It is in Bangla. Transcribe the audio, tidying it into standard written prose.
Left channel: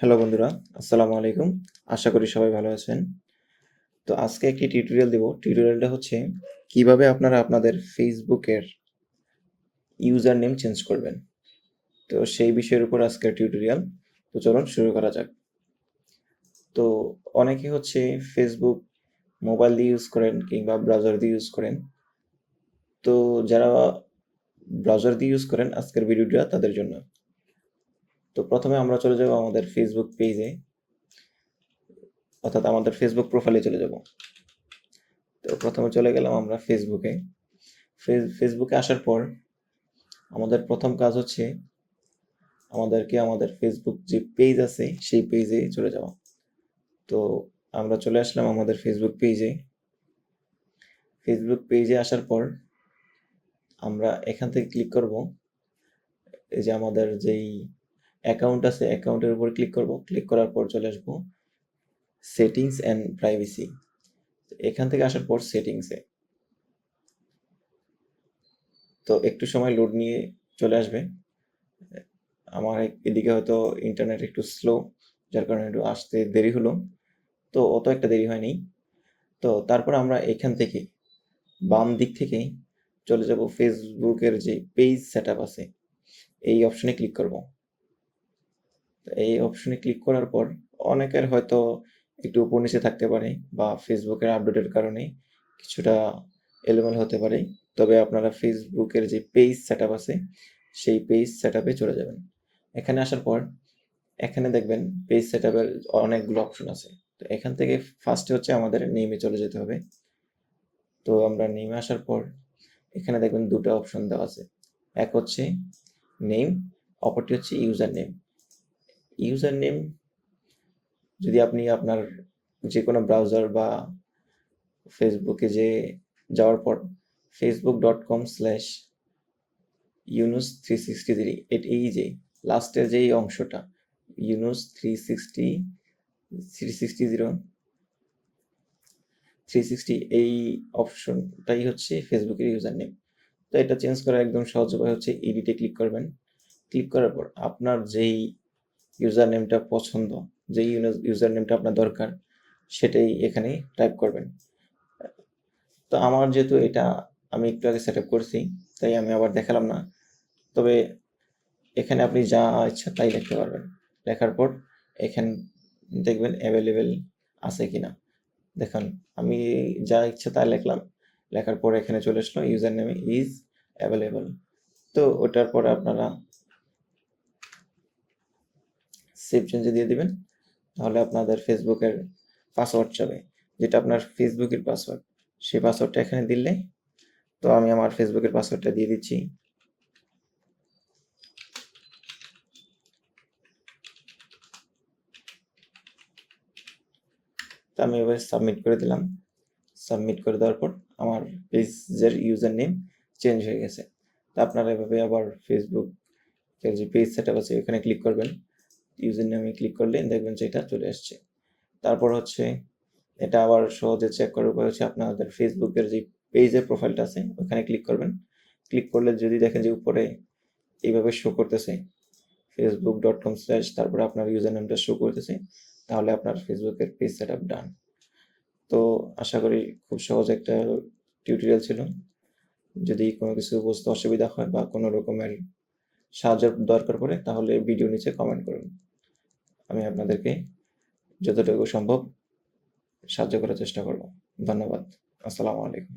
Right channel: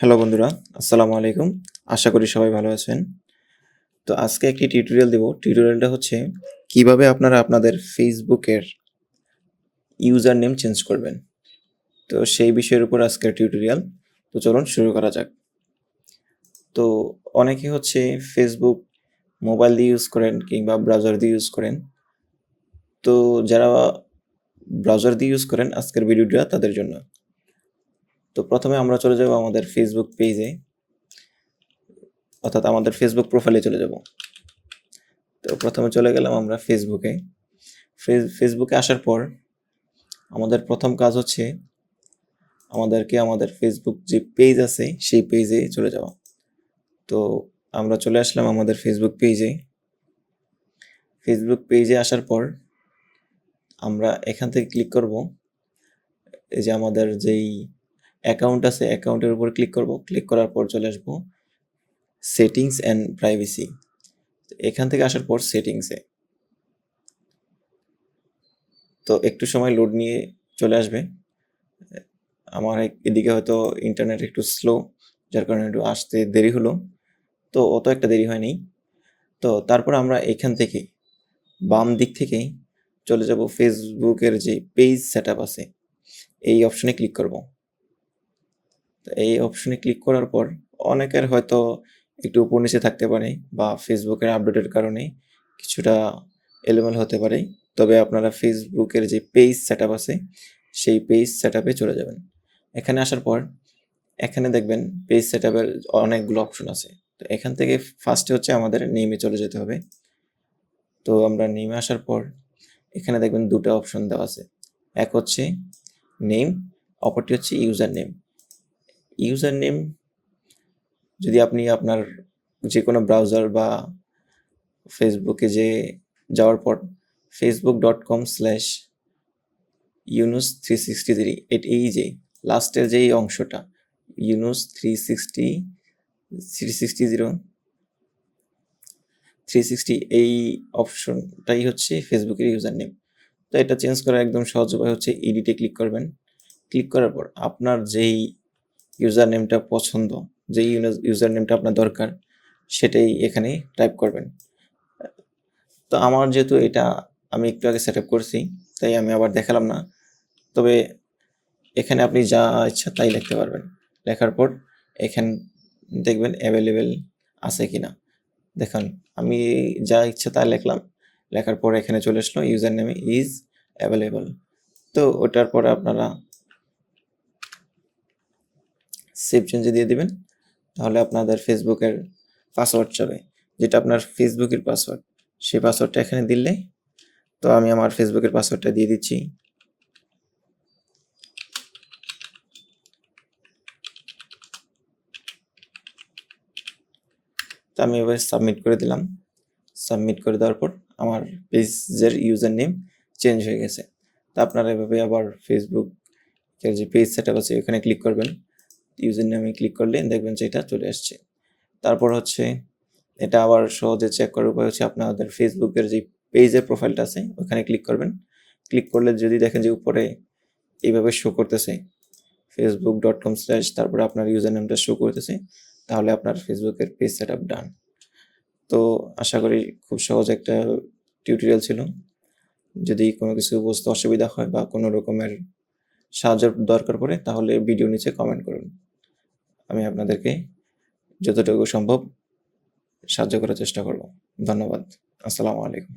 হ্যালো বন্ধুরা, আসসালামু আলাইকুম। আশা করি সবাই ভালো আছেন। তো আজকে একটি টিউটোরিয়াল দেব। টিউটোরিয়ালটা হচ্ছে কিভাবে আপনারা আপনাদের ফেসবুকের ইউজার নেম চেঞ্জ করবেন। তো সেই বিষয়ের উপর আজকের টিউটোরিয়াল। তো চলুন শুরু করা যাক। তো অনেকে হচ্ছে ফেসবুক মোবাইল দিয়ে ইউজ করেন কিংবা ব্রাউজার দিয়ে ইউজ করেন। তো যারা ব্রাউজার দিয়ে ইউজ করেন আজকের ভিডিওটা তাদের জন্য। তো প্রথমে আমরা চলে যাব আমাদের ফেসবুক পেজে, অর্থাৎ আমাদের ফেসবুক প্রোফাইলে চলে যাব। তো প্রথমে চলে গেলাম আমরা ফেসবুকে। ফেসবুকে আসার পর আমাদের প্রথম কাজ হচ্ছে আমাদেরকে আমাদের ফেসবুক যে পেজ আছে সেই পেজে চলে যাওয়া। তো আমরা চলে আসলাম আমাদের ফেসবুক পেজে। ফেসবুক পেজে আসার পর আমরা এখান থেকে ক্লিক করব, এই যে আমাদের যেই অ্যাকাউন্ট আছে অ্যাকাউন্টের উপর ক্লিক করব। ক্লিক করার পর চলে আসবো সেটিংস অ্যান্ড প্রাইভেসি। এখান থেকে আসার পর সেটিংসে তো একটু সময় লোড নিয়ে চলে আসবে। আমার এদিকে হয়তো ইন্টারনেট একটু স্লো, যার কারণে একটু আসতে দেরি হলো। তো অত একটা দেরি হয়নি। তো তারপর আমরা এখান থেকে বাম দিক থেকে চলে যাব ফেসবুকের যে পেজ সেটআপ আছে এই অপশনে ক্লিক করব। তো এই অপশনে ক্লিক করার পর অনেকের হয়তো একটু উপর নিচে থাকতে পারে বা ফেসবুকের আপডেটের কারণে কিছুটা এলোমেলো হতে পারে। তবে আপনারা ফেসবুকের যে পেজ সেটআপ আছে সেই পেজ সেটআপে চলে যাবেন। এখানে আসার পর এখানে দেখবেন পেজ সেটআপের অনেকগুলো অপশন আছে। তো এখান থেকে ফার্স্টে হচ্ছে আমাদের নেমে চলে যেতে হবে। তো আমরা নেমে আসার পর এখানে দেখবেন দুটো অপশন দেওয়া আছে। এক হচ্ছে নেম, অপরটি হচ্ছে ইউজার নেম। ইউজার নেম যদি আপনি আপনার যে কোনো ব্রাউজার বা ফেসবুকে যাওয়ার পর facebook.com/yunus363 এই যে লাস্টের যেই অংশটা yunus360 এই অপশনটাই হচ্ছে ফেসবুকের ইউজার নেম। তো এটা চেঞ্জ করার একদম সহজ উপায় হচ্ছে এডিটে ক্লিক করবেন। ক্লিক করার পর আপনার যেই ইউজার নেমটা পছন্দ, যেই ইউজার নেমটা আপনার দরকার সেটাই এখানে টাইপ করবেন। তো আমার যেহেতু এটা আমি একটু আগে সেট আপ করছি তাই আমি আবার দেখালাম না। তবে এখানে আপনি যা ইচ্ছা তাই লিখতে পারবেন। লেখার পর এখানে দেখবেন অ্যাভেলেবেল আছে কিনা। দেখুন আমি যা ইচ্ছা তাই লিখলাম। লেখার পর এখানে চলে আসলো ইউজার নেমে ইজ অ্যাভেলেবল। তো ওটার পরে আপনারা সেভ চেঞ্জে দিয়ে দিবেন। তাহলে আপনাদের ফেসবুকের পাসওয়ার্ড যাবে, যেটা আপনার ফেসবুকের পাসওয়ার্ড, সেই পাসওয়ার্ডটা এখানে দিলে। তো আমি আমার ফেসবুকের পাসওয়ার্ডটা দিয়ে দিচ্ছি। তো আমি এবার সাবমিট করে দিলাম। সাবমিট করে দেওয়ার পর আমার পেজের ইউজার নেম চেঞ্জ হয়ে গেছে। তো আপনারা এভাবে আবার ফেসবুকের যে পেজ সেটআপ আছে ওখানে ক্লিক করবেন। ইউজার নেমে ক্লিক করলে দেখবেন যে এটা চলে আসছে। তারপর হচ্ছে এটা আবার সহজে চেক করার উপায় হচ্ছে আপনাদের ফেসবুকের যে পেজের প্রোফাইলটা আছে ওখানে ক্লিক করবেন। ক্লিক করলে যদি দেখেন যে উপরে এইভাবে শো করতেছে facebook.com/ তারপরে আপনার ইউজার নেমটা শো করতেছে, তাহলে আপনার ফেসবুকের পেজ সেটআপ ডান। তো আশা করি খুব সহজ একটা টিউটোরিয়াল ছিল। যদি কোনো কিছু বুঝতে অসুবিধা হয় বা কোনো রকমের সাহায্যের দরকার পড়ে তাহলে ভিডিও নিচে কমেন্ট করুন। আমি আপনাদেরকে যতটুকু সম্ভব সাহায্য করার চেষ্টা করব। ধন্যবাদ। আসসালামু আলাইকুম।